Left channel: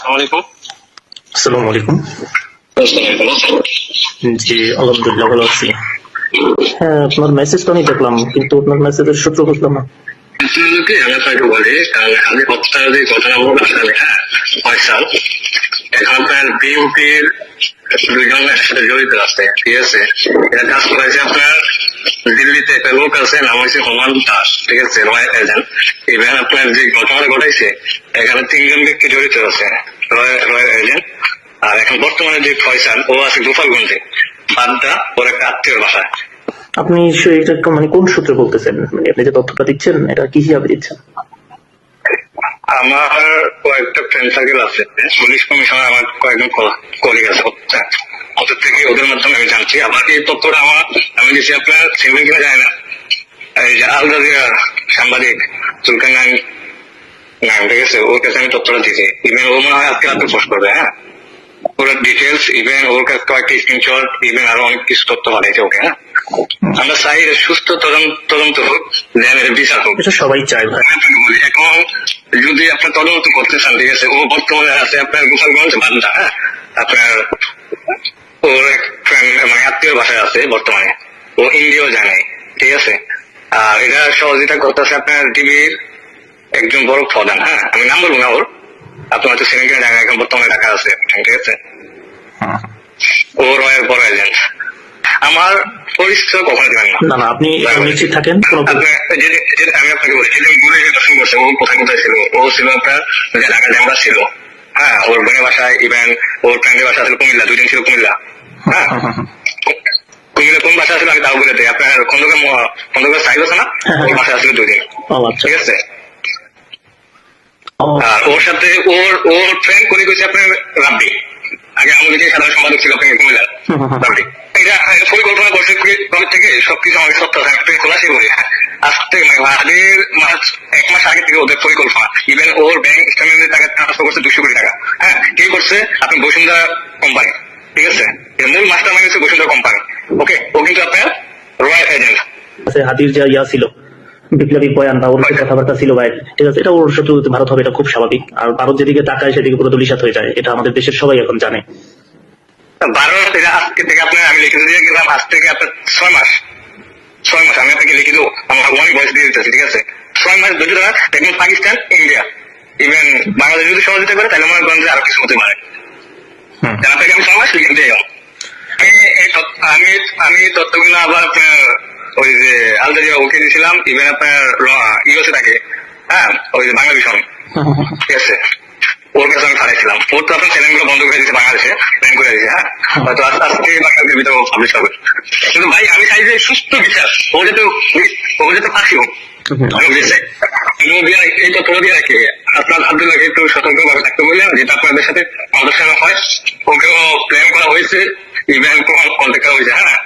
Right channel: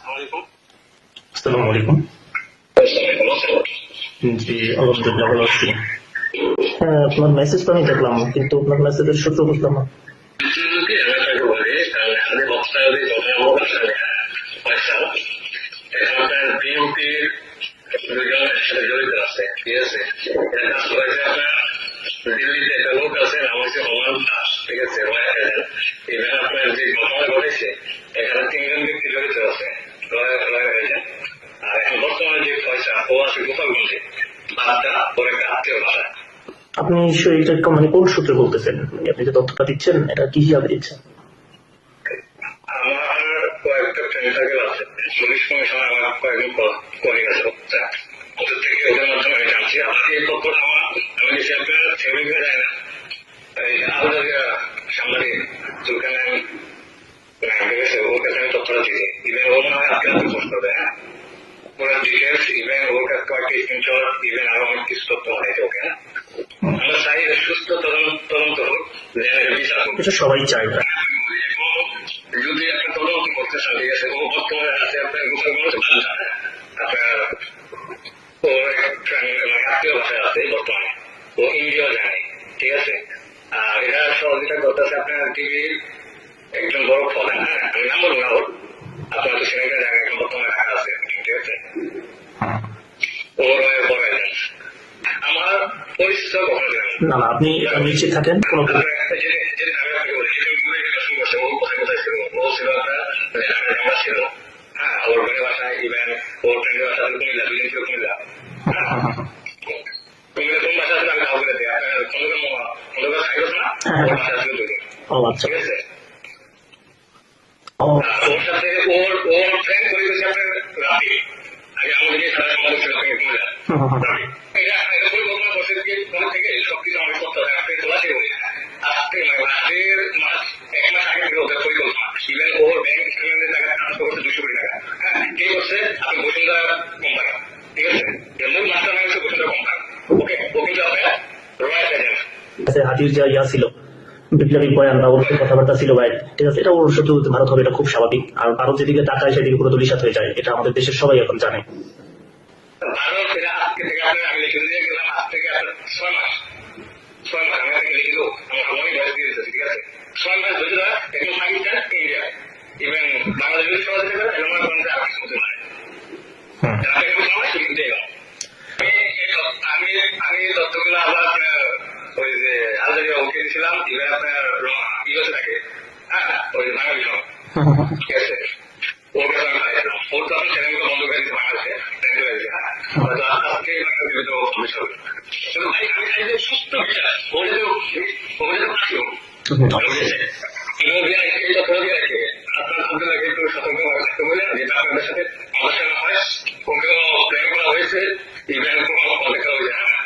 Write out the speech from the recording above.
আসসালামু আসসালামু আলাইকুম। জি, আলহামদুলিল্লাহ ভালো আছি। হ্যাঁ, আপনার মেসেজ তো আমি দেখলাম, কিন্তু আপনার মেসেজের সূত্র বুঝলাম না। আপনাদেরকে আমি আপনাকে বলি, কারণ আমি কথাটা যে ঘটনা বলবো আসলে ফয়সাল এখন আপনার বিএনপির দুইজন একসাথে জড়িত আছে, ঠিক আছে। এটা কাজ করেছে আপনার দিল্লিতে একটা লোক আছে, নাম হয়েছে হুমায়ুন দাস, ঠিক আছে, রয়্যাল এজেন্ট। ইভেন আপনার যে ঘটনা ঘটাইছে এখানে তিনজন ব্যক্তি জড়িত আছে, রয়্যাল এজেন্ট। আর এখন বর্তমানে যে ফয়সাল ও আছে গোপালগঞ্জে, বাড্ডা ওর একটা আত্মীয়র বাসায়। আপনি এটা মানে কোন সূত্রে বলতেছেন? মানে আপনি যে তথ্যটা দিচ্ছেন এটা কি হিসাবে দিচ্ছেন? আমার কয়েকটা ফ্রেন্ড সার্কেল আছে, পুলিশ কমিশনার আমার কয়েকজন কলিগ আছে, ওদের থেকে ওদের মাধ্যমে আমি জানছি। আবার এই তথ্যটা আমি দিচ্ছি আপনার সিভিল কিনা যায় না, এই যে আল জাজিরা সাংবাদিক সুলতান নাইম, ঠিক আছে, ওর কাছে আমি তথ্যটা দিচ্ছি। ইভেন ও মনে হয় আজকে পোস্ট করবে, হ্যাঁ, ওর ডিটেলস, ইভেন ওর কাছে কয়েকটি স্ক্রিনশট, ইভেন আরো অনেক কিছু তথ্য পাঠাইছে ওকে। হ্যাঁ, আমরা চাই সুস্থ তদন্ত হোক, দেন এর বিচার হোক, এটা সবাই চায় ভাই। এখন যদি আপনার তদন্ত করতে চান, ঠিক আছে, ও বর্তমানে আছে আপনার গোপালগঞ্জ বান্দা, হ্যাঁ, আপনার ওর এক ফ্রেন্ড মানে আত্মীয় বাসায় আছে বর্তমানে, ও ইন্ডিয়াও জানে, ঠিক আছে। আর এটা সহযোগিতা করতেছে আপনার টিভির একজন বড় প্রধান, হ্যাঁ, আমি নাম বলবো না ওর, আপনার হয়তো সিনেমা জায়গা এখন বর্তমানে ঢাকা আছে, ঠিক আছে। ও রয়ের বড় এজেন্ট। আমার পরিচয় কখনো দেবেন না। না না, আপনি নিশ্চিত থাকেন। আমি আপনাকে বলি, যেদিন ঘুরে যে দর্শন করছে, ও কোথায় কোথায় ছিল, ও ছিল আপনার ঢাকা জামরা ছিল, হ্যাঁ, ওর বোনের বাসায়, ইভেন ওর ফ্রেন্ডের বাসা ছিল কুমিল্লা, দুইদিন ছিল কুমিল্লা, হ্যাঁ, কুমিল্লা কোন বাসা ছিল আমি তাও বলে দিই, আপনার খন্দকার সাইজ আছে না, ওর বাসা ছিল 2 দিন, ঠিক আছে। আর ওর সাথে ওর ফ্রেন্ড করে গেছে আপনার রাব্বি, আগে আমাদের যে সাধারণ সম্পাদক ছিল আপনার কুমিল্লা রাব্বি। এটা পরিকল্পনা করছে কবে থেকে সবকিছু আমাকে সত্য থাকতে খোলাসি করি, আসতে আগের 1 মাস আগে থেকে ওদের পরিকল্পনা। ইভেন ওর ব্যাংক স্টেটমেন্টে টাকা ট্রান্সফার করছে 200 কোটি টাকা, হ্যাঁ, কে করছে আপনি বসুন্ধরা কোম্পানি, ঠিক আছে। এর মূল মাস্টার মাইন্ড হচ্ছে বসুন্ধরা কোম্পানি, ওকে। ও কিন্তু আপনার রয়্যাল এজেন্ট। হাতির যা ইয়া ছিল, বিপ্লবী বয়ান বা ওর কথাবার্তা ছিল ভাই, ঠিক আছে, এটা ওর সাথে ভারত হবে, এটা খুব স্বাভাবিক। আর ভারত যেদিকে তাকায় সেদিকে পুরো দলিশাত হয়ে যায়, এটা আমাদের দেশের সবাই এখন জানে। ভারত এটা আজকে থেকে আপনার আমি লিখে দিয়ে গেলাম, আজ থেকে আপনার 6 মাস আমি আপনাকে লিখে দেবো, আমার অনেক বয়স দিয়ে দিতেছি, ঠিক আছে। 6 মাস যদি তারা দেখবেন পাকিস্তান, ইন্ডিয়া, ইভেন বাংলাদেশ যদি সহযোগিতা করে, তাহলে মনে করেন যে আরো কিছু হতে পারে। আপনাকে আমি 6 মাস লিখে দিয়ে গেলাম। আমি তথ্যগুলো আবার আপনার ওই যে আল জাজিরা ওকে দিয়েছিলাম, ইভেন আপনার ইউএসএ থাকে, হ্যাঁ, ওই যে বাংলা ভীষণ, ঠিক আছে, ওর কাছে আমি পাঠাইছিলাম। ওর তো আপনার চ্যানেলগুলো বন্ধ করে দিয়েছে, বাংলাদেশে ব্যান করে দিয়েছে, হ্যাঁ, হয়তো আস্তে আস্তে বাংলাদেশের ভিতরে পাবলিশ হবে। কিন্তু ভাই আমি চাই যে সুস্থ বিচার, ও যেহেতু ফাঁসি হোক, এই তথ্য দিয়ে রাখি। আপনার আব্দুল্লাহকে একটু সতর্কভাবে থাকতে বললেন, যেটা আপনাদের সাথে আলোচনা হয়, ওকেও প্ল্যান করা হয়েছে, ইভেন কন্ট্যাক্ট করা হয়েছে, হ্যাঁ।